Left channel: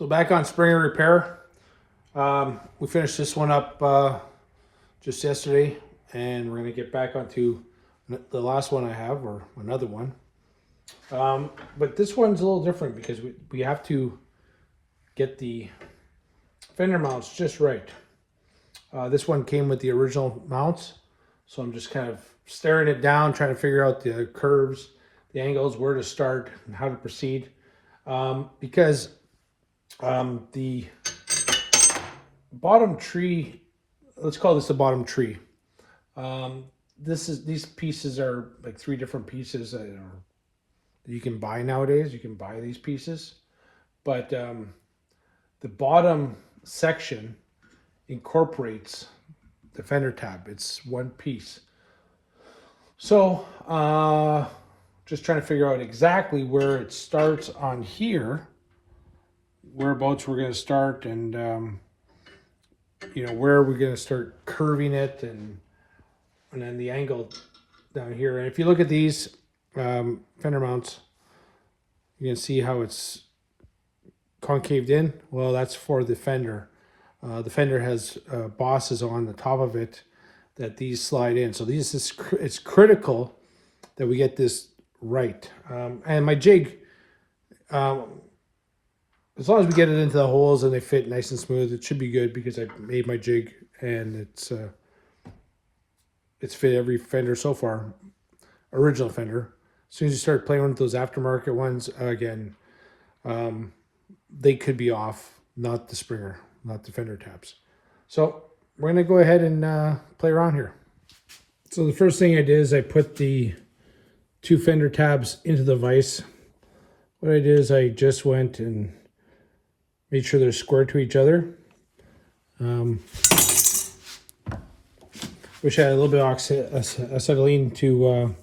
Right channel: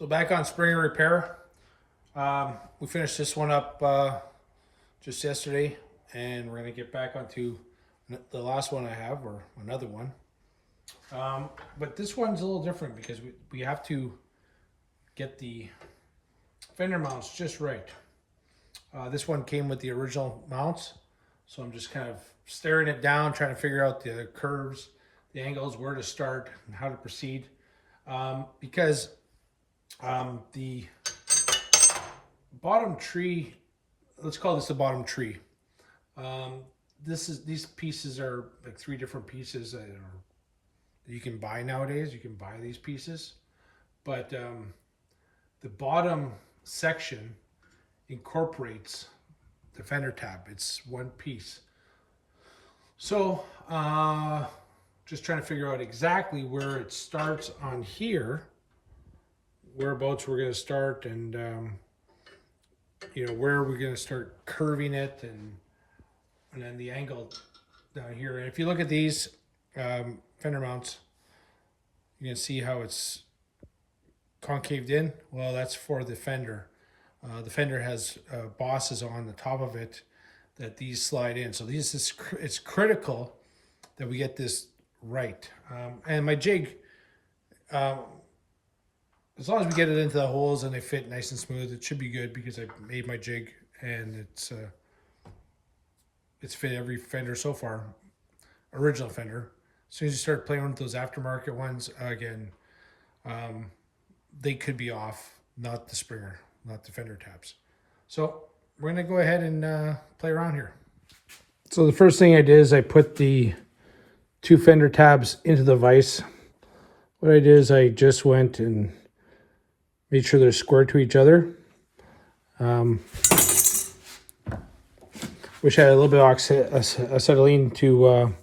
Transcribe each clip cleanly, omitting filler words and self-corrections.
So back on Springer repair. We finished this one up just yesterday, and we're gonna get back onto the last one I have, or another one. But this one's a little different because we have to get the fender mounts just right. This one came with the original mounts, so I'm just kind of staring it down, trying to figure out the curves, the angles, where to start, and how to proceed. Because the bottom tree, let's call this the bottom tree. These pieces are like 3 different pieces that you can buy nowadays. You can buy these pieces, but the bottom section incorporates the fender tab. It's one piece. So just trying to figure out exactly where it starts on here, whereabouts we're going to start, and where we're going to start curving it, and then the angle down here. And if you look at these fender mounts, you can see how it's concaved in. Well, that's for the fender. The fender has bosses on the top of it that these slide in. So it's critical that we get this right. And my jig, as long as we get it into the holes and they fit nice and smooth, it should be good, because I made my jig and it's fit every fender so far, original fender. As soon as you start playing with those aftermarket ones, again, they could be off, not the Springer, not the fender tabs. So we're gonna go ahead and play around here. So the first thing I did is I put the 2 fender tabs into the vise. What I did is I just went and made sure they're square to each other. Wish I had a little bit of acetylene to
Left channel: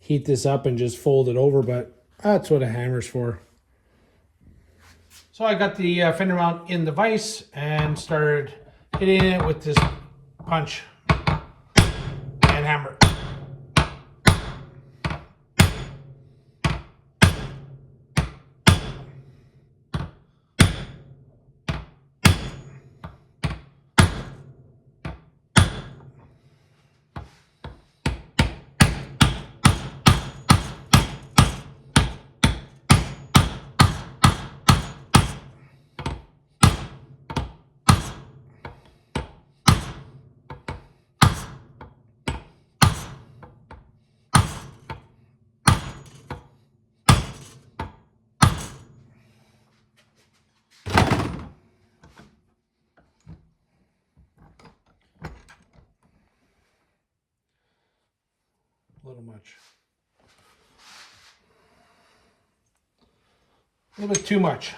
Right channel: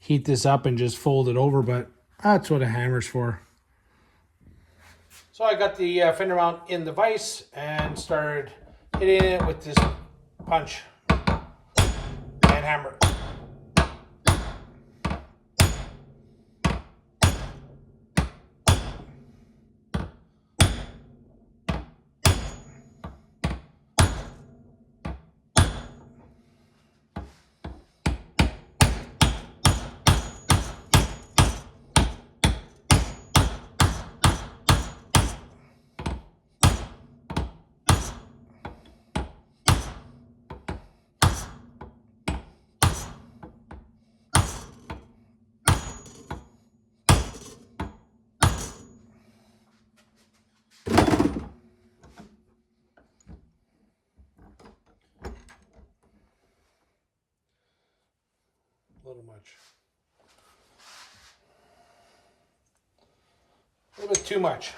heat this up and just fold it over, but that's what a hammer's for. So I got the fender mount in the vise and started hitting it with this punch and hammer. A little much. A little bit too much.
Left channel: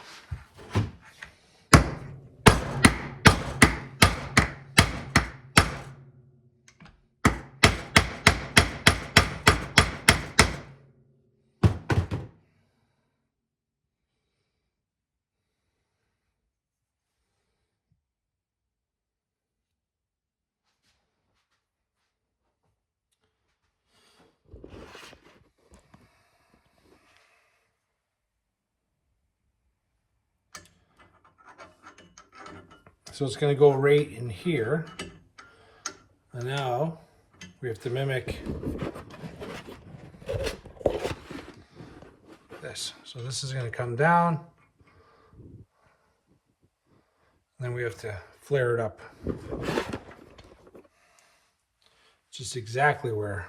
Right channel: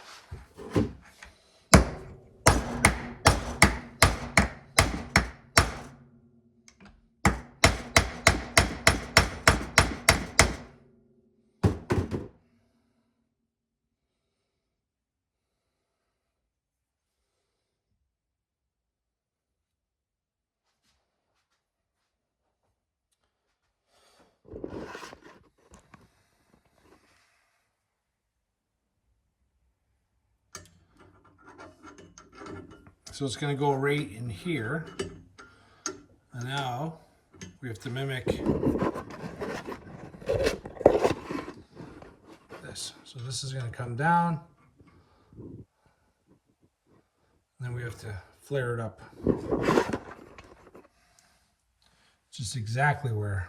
So it's going to go right in here. And now we have to mimic this. So this is going to come down. Then we have to flare it up. Just exactly where.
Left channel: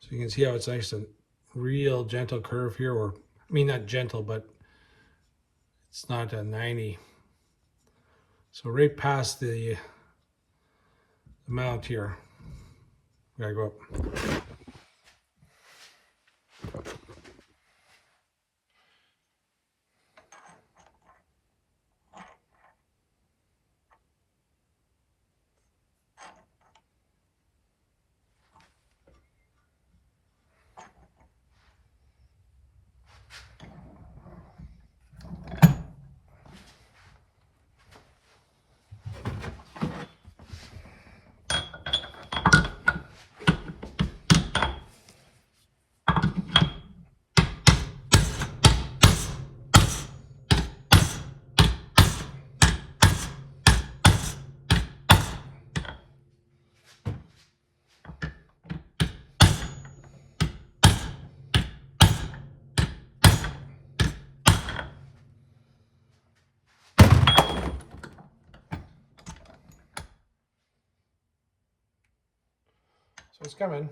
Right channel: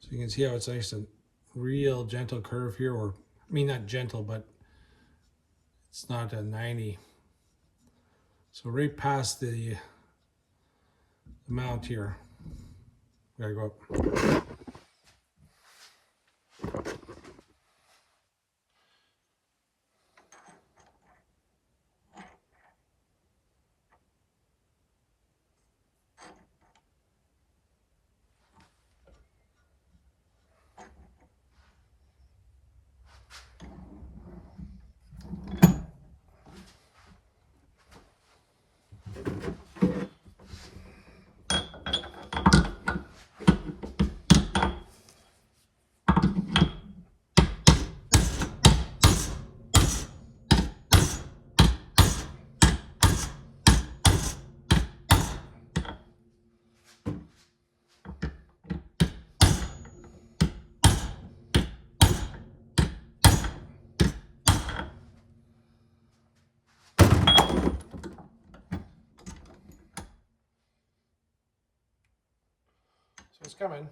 So you can see how it's nice and real gentle curve here, or I mean not gentle, but it's not a 90. So right past the mount here, we gotta go up. So it's coming.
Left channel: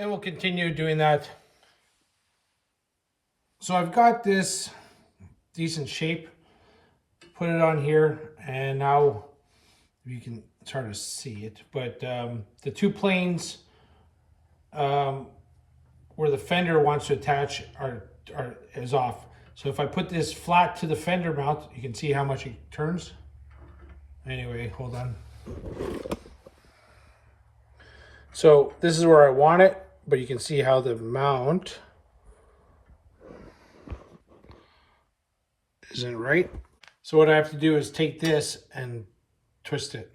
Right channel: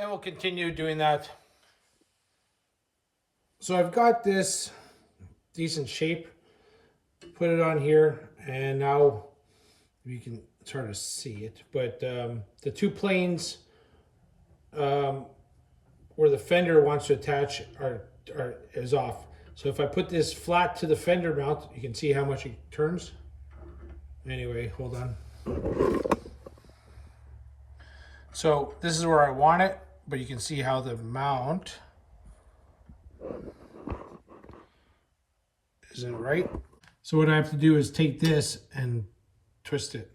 And we'll continue doing that. So I've got this decent shape. Put it on here, and now you can, it's hard to see it, but the two planes where the fender wants to attach is off. So if I put this flat to the fender mount, you can see how much it turns. Anyway, hold on. So this is where I want it, but you can see how the mount isn't right. So what I have to do is take this and twist it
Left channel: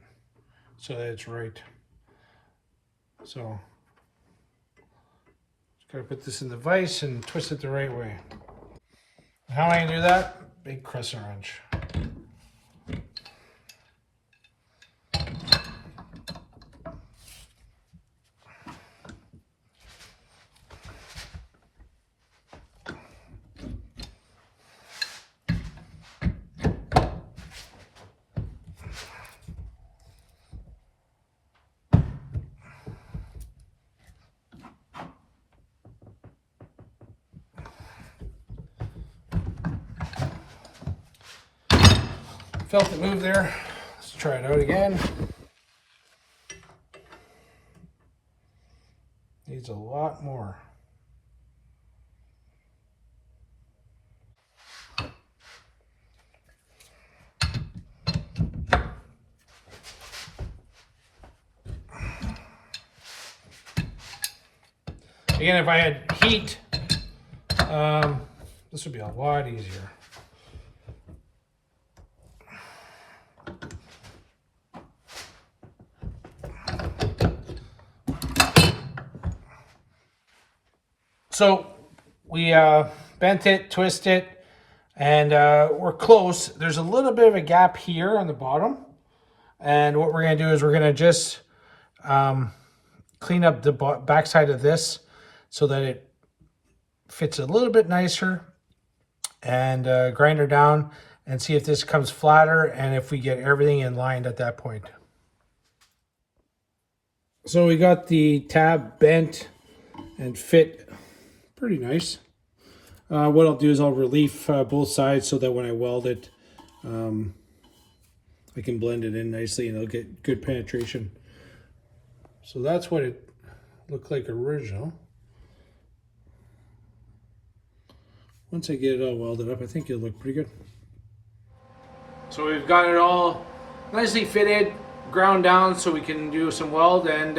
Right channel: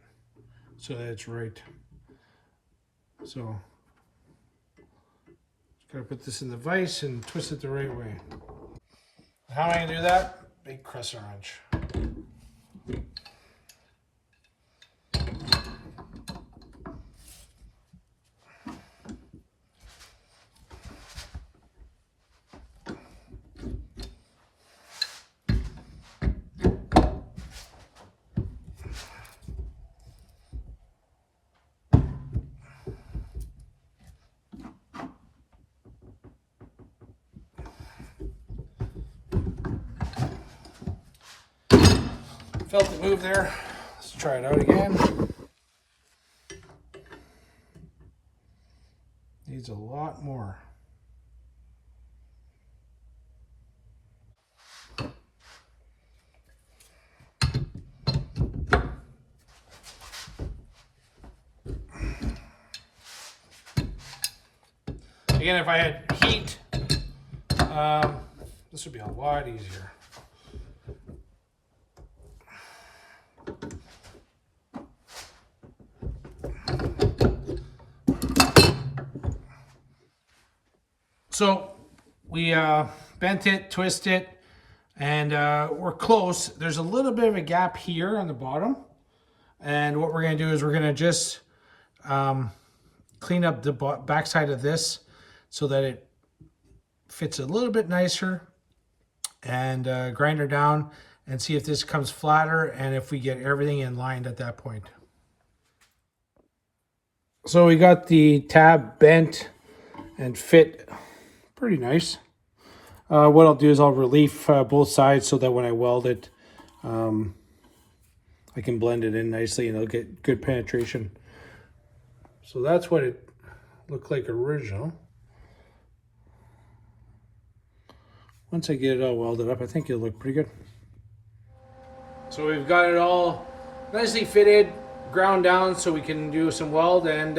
so that it's right. So just gotta put this in the vise and twist it the right way. How am I gonna do that? Big crescent wrench. Felt it move there. Let's try it out again. Needs a lot more. Again, if I had heat, this would be a lot easier. So we bent it, twist it, and we're close. There's a little bit of a gap here on the bottom. And what we're gonna do is we're gonna just clean up the backside of this so that it fits a little bit nicer, and grind her down and see if this comes flatter and if we get everything in line at that point. So we got the tab bent and fit pretty nice. What I'll do is I'll relief both sides so that when I weld it, I can blend it in nicely and it'll get good penetration. So that's what it looked like original. Once I get it all welded up, I think it'll look pretty good. So we've got it all nicely fitted, ground down so we can do some weld and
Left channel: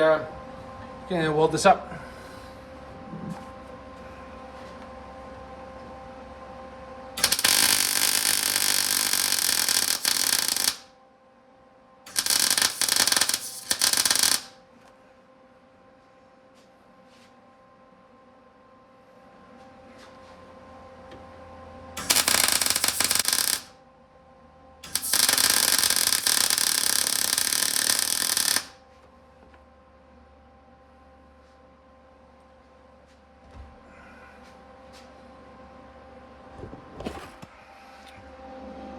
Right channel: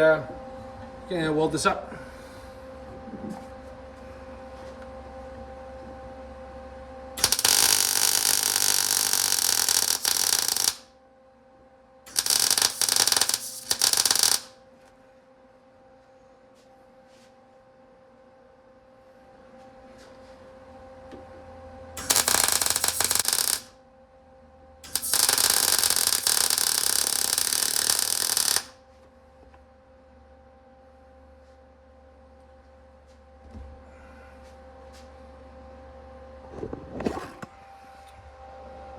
weld this up.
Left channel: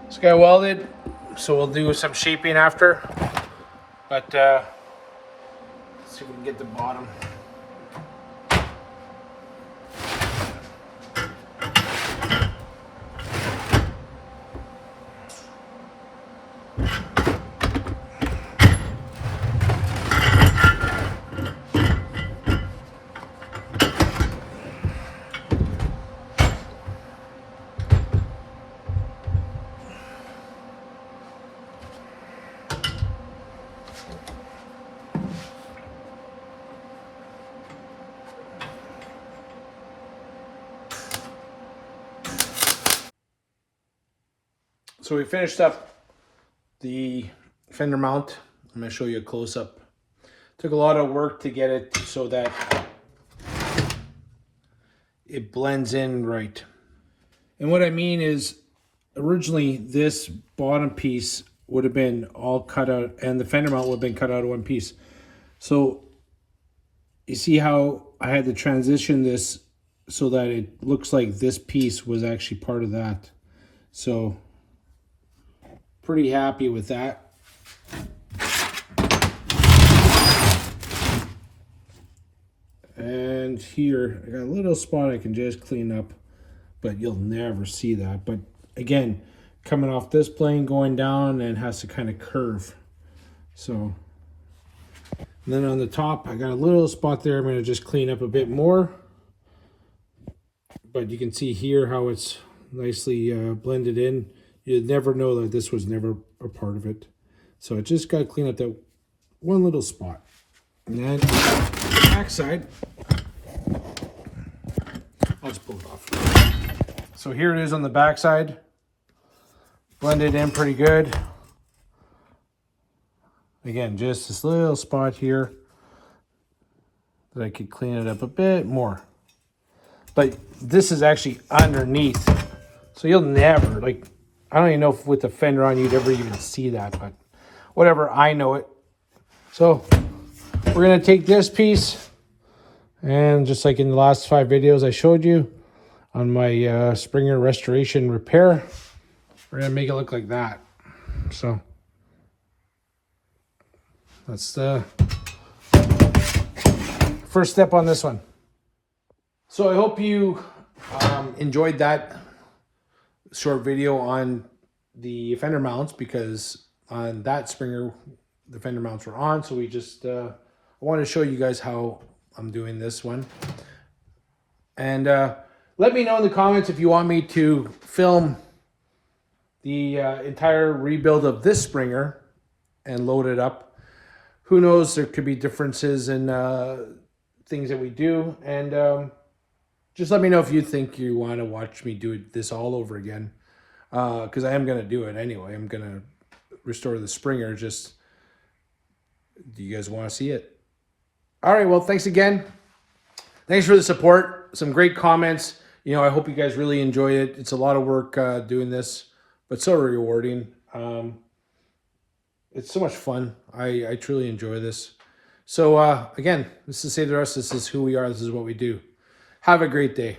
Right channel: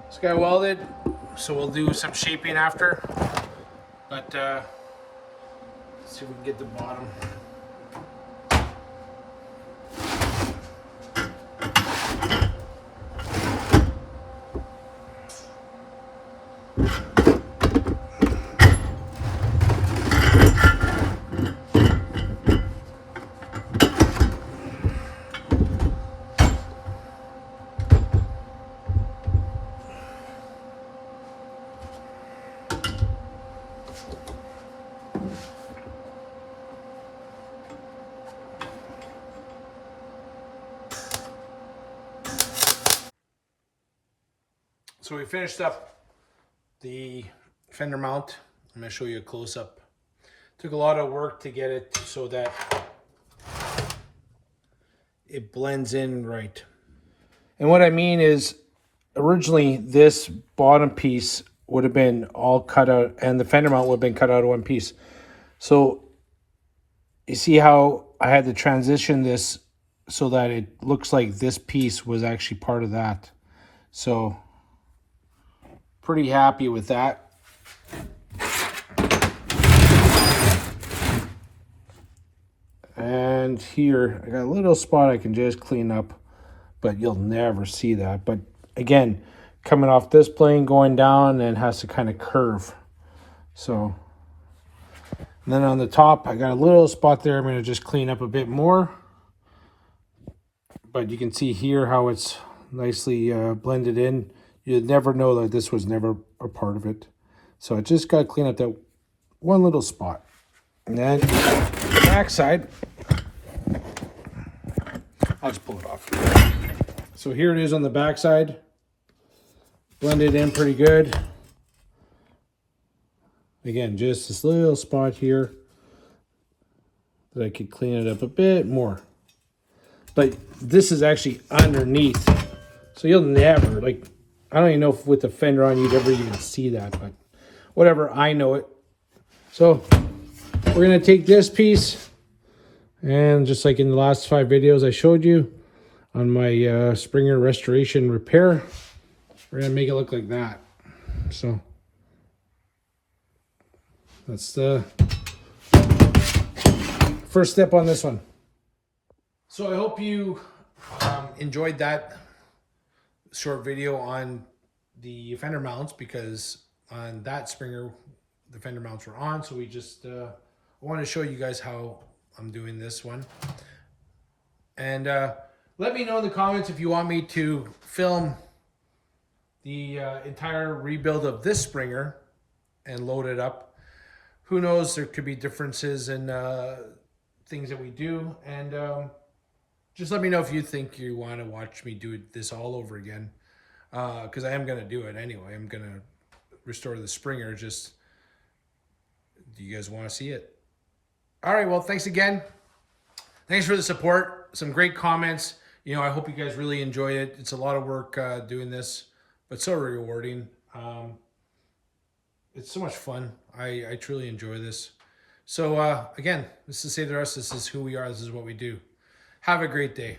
It's got welded, so we'll do some shaping after. But let's see if we can get the bottom. So we finished up the fender mount. I'm going to show you a close-up. Took a lot of work to get it so that it blends in right. And what I mean is, originally this bottom piece would have been all cut out, and the fender mount would have been cut out of one piece. So you see how I had to transition this so that it looks like this piece was actually part of that. So pretty happy with that. And here I got a little spot I can just clean up, but you'll never see that. But again, coming off this plane going down, and has to kind of curve. So, and then on the top I got a little spot there I'm going to just clean up a bit more. But you can see here how it's nicely blended in. You'd never know that this was never a part of it. So I just got to clean up that one little spot. And then the back side, I'll just pull it off. So here it is on the back side. Blended in pretty good. Again, just this little spot here that I could clean it up a bit more. But this is actually underneath. So you'll never, like, I don't even know if with the fender on you'd ever even see that, but whatever, I know it. So we're gonna take this piece, and just like in the last 5 videos I showed you on my Springer restoration repair, we're gonna make it look like that. So that's the first step on this one. So I hope you enjoyed that short video on the fender mounts, because on that Springer the fender mounts were on. So we just I want to show you guys how I'm doing this one. And let me know in the comments if you want me to film the entire rebuild of this Springer and load it up. Who knows, there could be differences in things that we do. And just let me know if you think you want to watch me do this all over again. Because I am going to do it anyway. I'm going to restore the Springer. Just, do you guys want to see it? All right, well, thanks again. Thanks for the support. Some great comments. You know, I hope you guys really enjoy it. It's a lot of work doing this, but so rewarding. It's so much fun. I truly enjoy this. So again, this is Save the Rust. This is who we are. This is what we do. Have a great day.